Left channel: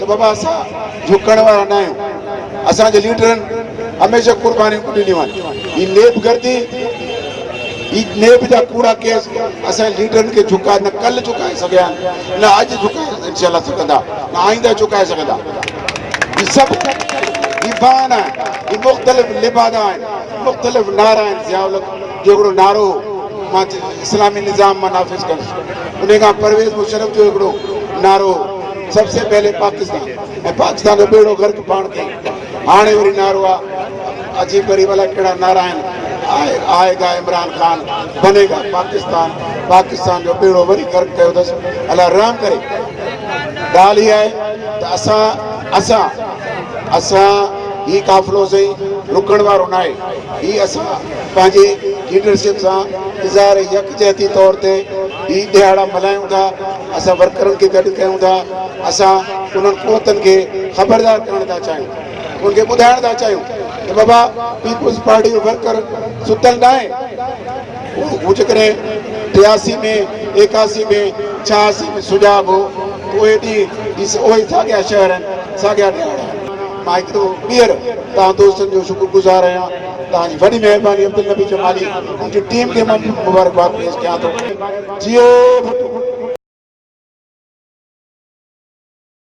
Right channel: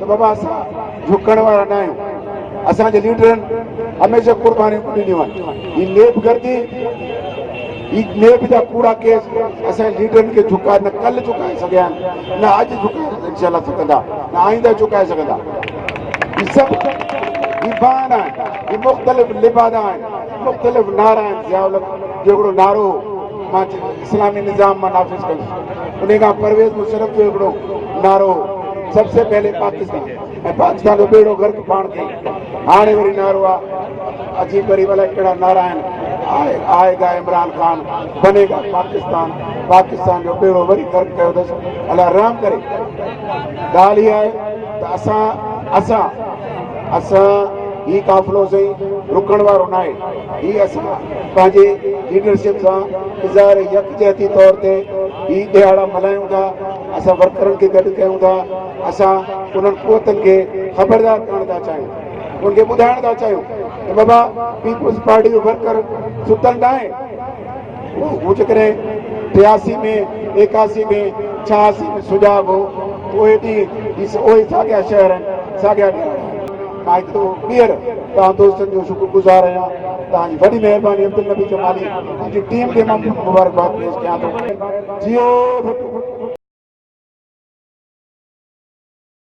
तो बाबा असां झुकण वारा न आहियूं। असांजे लीडरनि हमेशह कुर्बानियूं ॾिनियूं आहिनि। ही नेब गर्दी, ही नेब जा कूड़ा केस असांजे लीडरनि खे झुकाए न कल्ह झुकाए सघिया आहिनि, न अॼु झुकाए इंशाल्लाह सघंदा, न आईंदा झुकाए सघंदा। ही सभु ही बहाना आहिनि, ही मुख़्तलिफ़ लिबादा आहिनि, मुख़्तलिफ़ नारा आहिनि। ज़ियाउल जो हिकिड़ो नारो मां इस्लामी निज़ाम मां नाफ़िज़ कंदुसि, उन खां परवेज़ मुशर्रफ जो हिकिड़ो नारो सबसे पहले पाकिस्तान, ऐं पाकिस्तान जो बेड़ो गर्क पाण कई। हाणे वरी नारो आहे अजीब गरीब अलाए कहिड़ा नारा आहिनि, आएगा इमरान खान, बनेगा पाकिस्तान, पाकिस्तान जो बेड़ो वरी गर्क कयो अथसि। अलाह रहम करे। ॻाल्हि इहा आहे त असां ही काफ़िलो सही रुकण वारो न आहे। ही असां पंहिंजे लीडरशिप सां इज़हार यकजहती तौर ते ही ॾियारा मल्हायूं था। असां वर्करनि खे गॾु कयूं था। असां उन्हनि क़ुवतनि खे ख़बरदार करण था चाहियूं, उनखे ॿुधाइण था चाहियूं त बाबा पीपुल्स पार्टी जो वर्कर सुतल न आहे। हू जेकॾहिं 83 में 81 में 86 में सुजाॻ हो त उहे ॾींहं उहे साॻिया शहर आहिनि, साॻिया ॾियारा आहिनि। मां हिकु ॿीहर तव्हां दोस्तनि जो शुक्रगुज़ार आहियां। तव्हांजी वॾी महिरबानी अब्दुल नबी जमाली, मुंहिंजी टीम खे मां मुबारकबाद पेश कयां थो। जियो